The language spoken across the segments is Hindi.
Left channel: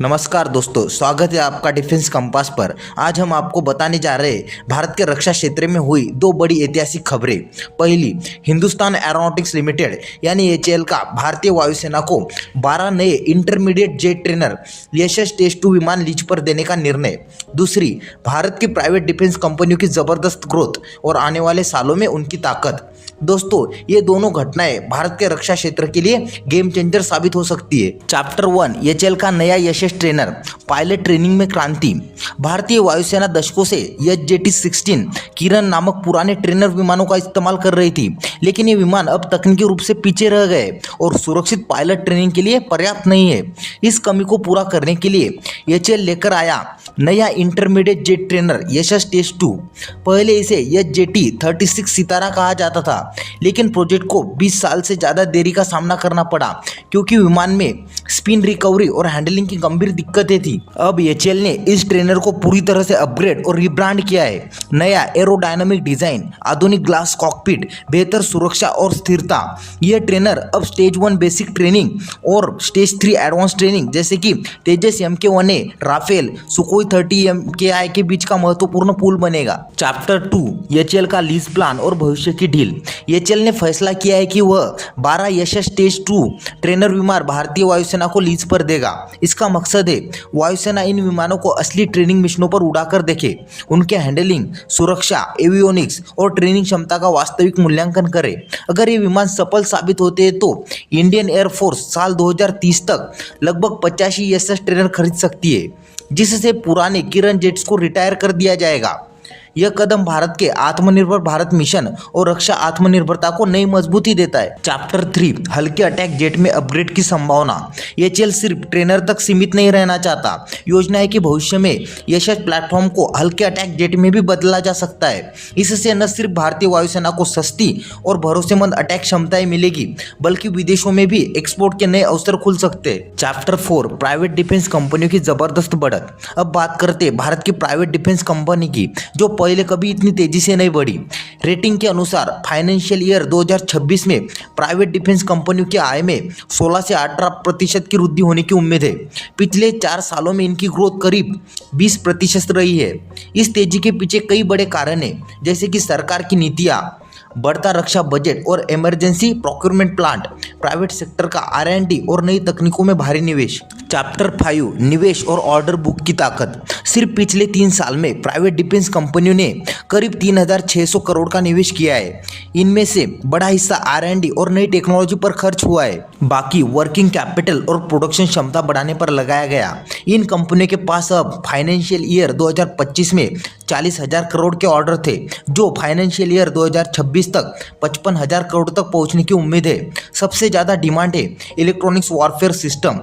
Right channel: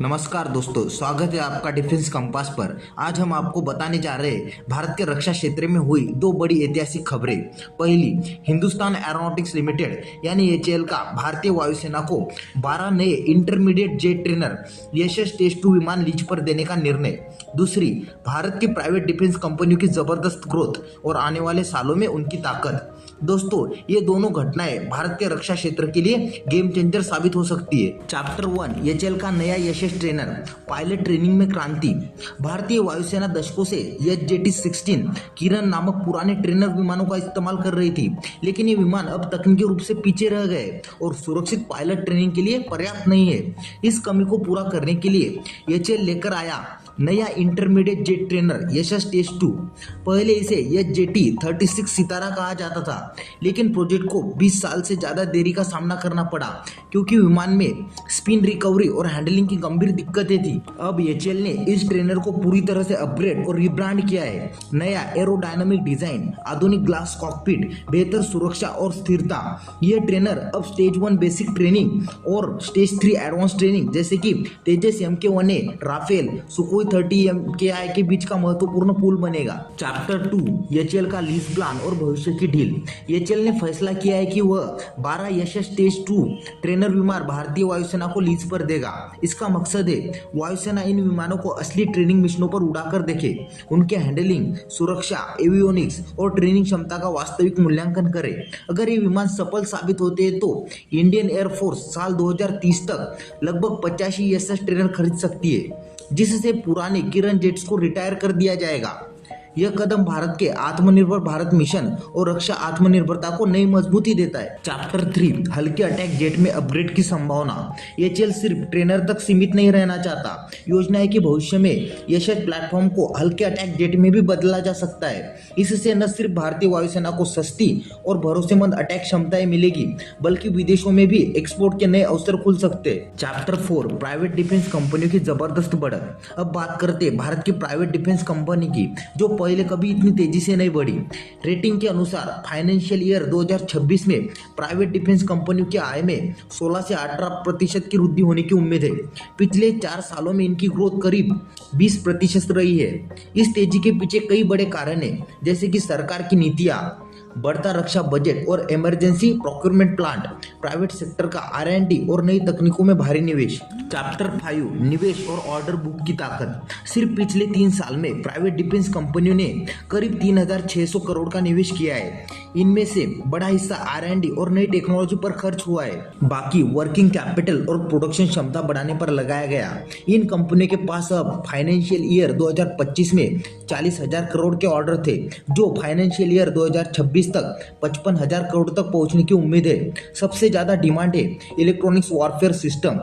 नमस्कार दोस्तों, स्वागत है आपका डिफेंस कंपास पर। आज हम आपको बताने जा रहे हैं भारत के रक्षा क्षेत्र में हुई दो बड़ी ऐतिहासिक खबरें। पहली, हिंदुस्तान एरोनॉटिक्स लिमिटेड यानी एचएएल का भारतीय वायुसेना को 12 नए इंटरमीडिएट जेट ट्रेनर यशस टेस्ट 2 विमान लीज पर देने का निर्णय। दूसरी, भारत की प्राइवेट डिफेंस कंपनियों की जबरदस्त ग्रोथ और आने वाले सालों में उनकी ताकत। दोस्तों, ये दोनों घटनाएं भारत के रक्षा क्षेत्र के लिए गेम चेंजर साबित हो सकती है। चैप्टर 1, एचएएल का नया यशस ट्रेनर, पायलट ट्रेनिंग में क्रांति। भारतीय वायुसेना दशकों से एचजेटी-16 किरण नामक पुराने ट्रेनर विमानों का इस्तेमाल कर रही थी, लेकिन ये विमान अब तकनीकी रूप से पीछे रह गए और सुरक्षित पायलट ट्रेनिंग के लिए पर्याप्त नहीं है। इस कमी को पूरा करने के लिए एचएएल लेकर आया नया इंटरमीडिएट जेट ट्रेनर यशस टेस्ट 2। पहले इसे एचजेटी-36 सितारा कहा जाता था, लेकिन प्रोजेक्ट को 20 साल से ज़्यादा देरी का सामना करना पड़ा क्योंकि विमान में स्पिन रिकवरी और हैंडलिंग की गंभीर दिक्कतें थी। अब एचएएल ने इस ट्रेनर को पूरी तरह से अपग्रेड और रिब्रांड किया है। नया एरोडायनामिक डिजाइन, आधुनिक ग्लास कॉकपिट, बेहतर सुरक्षा और स्थिरता। यह ट्रेनर अब स्टेज 1 बेसिक ट्रेनिंग और स्टेज 3 एडवांस ट्रेनिंग जैसे कि तेजस MK1A, राफेल, सुखोई 30 MKI के बीच का महत्वपूर्ण पुल बनेगा। चैप्टर 2, एचएएल का लीज प्लान और भविष्य की डील। एचएएल ने फैसला किया है कि वह 12 यशस टेस्ट 2 ट्रेनर विमान भारतीय वायुसेना को लीज पर देगा। इसका मकसद है वायुसेना इन विमानों को असली ट्रेनिंग मिशनों पर उड़ाकर देखे, उनके हैंडलिंग, सुरक्षा, एवियोनिक्स और ट्रेनिंग क्षमता का वास्तविक मूल्यांकन करे। अगर ये विमान सफल साबित होते हैं तो इंडियन एयरफोर्स साल 2030 तक लगभग 85 यशस ट्रेनर खरीद सकती है, जिससे पुराने किरण जेट्स को रिटायर कर दिया जाएगा। यह कदम भारत के आत्मनिर्भर भारत मिशन और रक्षा आत्मनिर्भरता को नई मजबूती देता है। चैप्टर 3, हल्के अटैक जेट में अपग्रेड की संभावना। एचएएल सिर्फ ट्रेनर तक सीमित नहीं रहना चाहता। योजना है कि भविष्य में यशस प्लेटफॉर्म को हल्के अटैक जेट में भी बदला जा सकता है। इससे न सिर्फ भारतीय वायुसेना को सस्ती और भरोसेमंद अटैक क्षमताएं मिलेगी, बल्कि विदेशों में भी एक्सपोर्ट के नए अवसर खुल सकते हैं। चैप्टर 4, प्राइवेट डिफेंस कंपनियों की जबरदस्त बढ़त। अब बात करते हैं भारत की प्राइवेट डिफेंस कंपनी की, जो पहले कभी इतनी तेजी से नहीं बढ़ी। रेटिंग के अनुसार फाइनेंशियल ईयर 2026 में प्राइवेट डिफेंस कंपनियों की आय में 16 से 18% की वृद्धि होने की उम्मीद है। पिछले 4 सालों में इनकी ग्रोथ करीब 20% रही है। इस तेजी के पीछे कई बड़े कारण हैं, जैसे कि सरकार की नीतियां, बढ़ता रक्षा बजट और emergency procurement plant, private sector का R&D और नई तकनीकों में भारी निवेश। चैप्टर 5, निवेश और ऑर्डर बुक की ताकत। सिर्फ पिछले 3 साल में प्राइवेट डिफेंस कंपनियों ने करीब 3600 करोड़ का निवेश किया है। इनमें से बड़ा हिस्सा R&D और नई टेक्नोलॉजी पर खर्च हुआ है, बाकी वर्किंग कैपिटल और प्रोडक्शन क्षमता बढ़ाने पर लगाया गया। इन कंपनियों के पास अब फाइनेंशियल ईयर 2025 में 40,000 करोड़ के ऑर्डर थे, जो फाइनेंशियल ईयर 2026 तक 55,000 करोड़ तक पहुंचने की उम्मीद है। सबसे ज़्यादा डिमांड है electronics warfare system,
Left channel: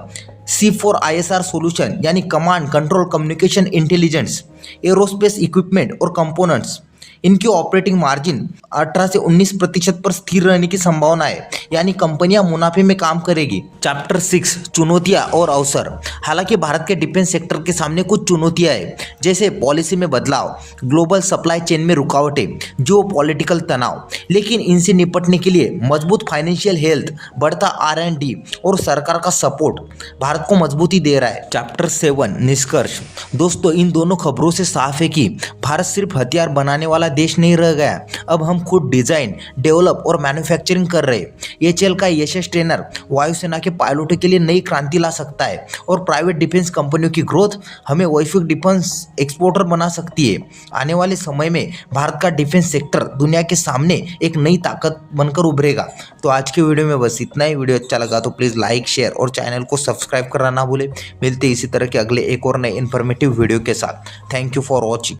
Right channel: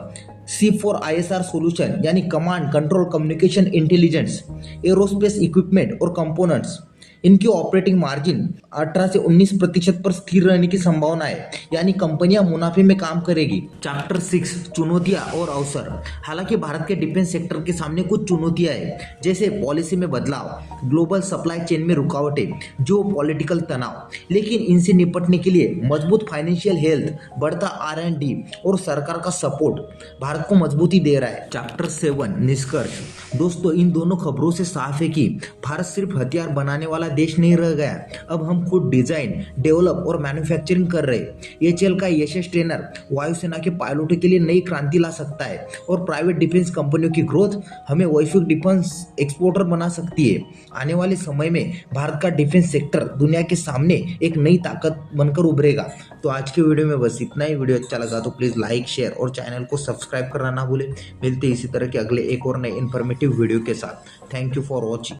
C4ISR solution यानी command control communication intelligence, aerospace equipment और कंपोनेंट्स। इनकी ऑपरेटिंग मार्जिन 18 से 19% पर स्थिर रहने की संभावना है, यानी कंपनियां मुनाफे में काम करेगी। चैप्टर 6, चुनौतियां और अवसर। हालांकि भारत के डिफेंस सेक्टर के सामने कुछ चुनौतियां हैं, जैसे पॉलिसी में बदलाव, ग्लोबल सप्लाई चेन में रुकावटें, जो पॉलिटिकल तनाव, लेकिन इनसे निपटने के लिए मजबूत फाइनेंशियल हेल्थ, बढ़ता R&D और सरकार का सपोर्ट भारत को मजबूती दे रहा है। चैप्टर 7, निष्कर्ष। दोस्तों, इन दोनों खबरों से साफ है कि भारत सिर्फ हथियार बनाने वाला देश नहीं रह गया। अब हम खुद डिजाइन, डेवलप और मैन्युफैक्चरिंग कर रहे हैं। एचएएल का यशस ट्रेनर वायुसेना के पायलटों के लिए नई क्रांति ला सकता है और प्राइवेट डिफेंस कंपनियों की ग्रोथ हमें वैश्विक डिफेंस एक्सपोर्टर बना सकती है। आने वाले समय में भारत का डिफेंस सेक्टर दुनिया के सामने एक नई ताकत बनकर उभरेगा। तो आज के वीडियो में बस इतना ही। वीडियो अच्छा लगा तो प्लीज़ लाइक, शेयर और चैनल को सब्सक्राइब करना ना भूले। मिलते इसी तरह के अगले एक और नए इन्फॉर्मेटिव वीडियो के साथ। Thank you for watching.